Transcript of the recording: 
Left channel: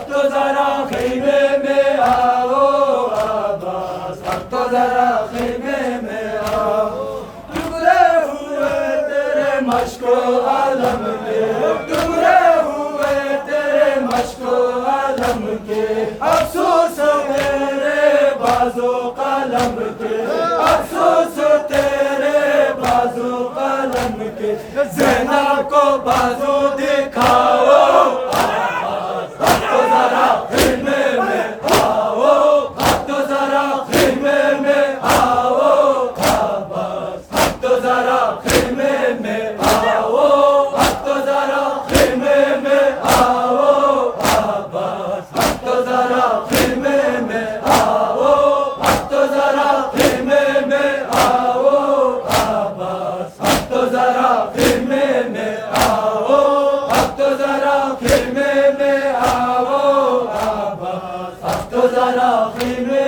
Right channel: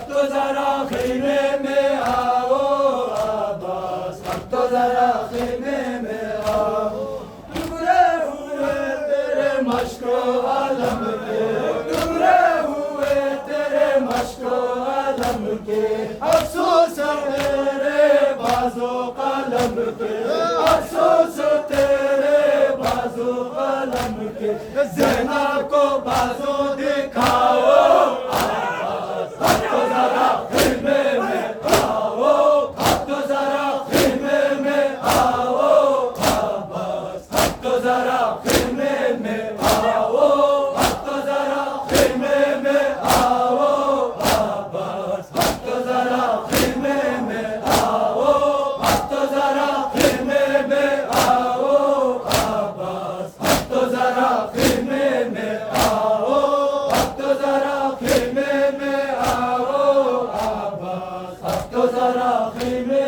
अब तो जरा खैमे में आओ अब्बास, अब तो जरा खैमे में आओ। टुकड़े हुए तेरे मश्को आलम के, टुकड़े हुए तेरे मश्को आलम के, अफसोस तेरे बाजो कलम के, अफसोस तेरे बाजो कलम के। ज़ैनब को बाजू दिखाओ अब्बास, अब तो जरा खैमे में आओ, अब तो जरा खैमे में आओ अब्बास, अब तो जरा खैमे में आओ, अब तो जरा खैमे में आओ अब्बास, अब तो जरा खैमे में आओ, अब तो जरा खैमे में आओ अब्बास, अब तो जरा खैमे में आओ, अब तो जरा खैमे में आओ अब्बास, अब तो जरा खैमे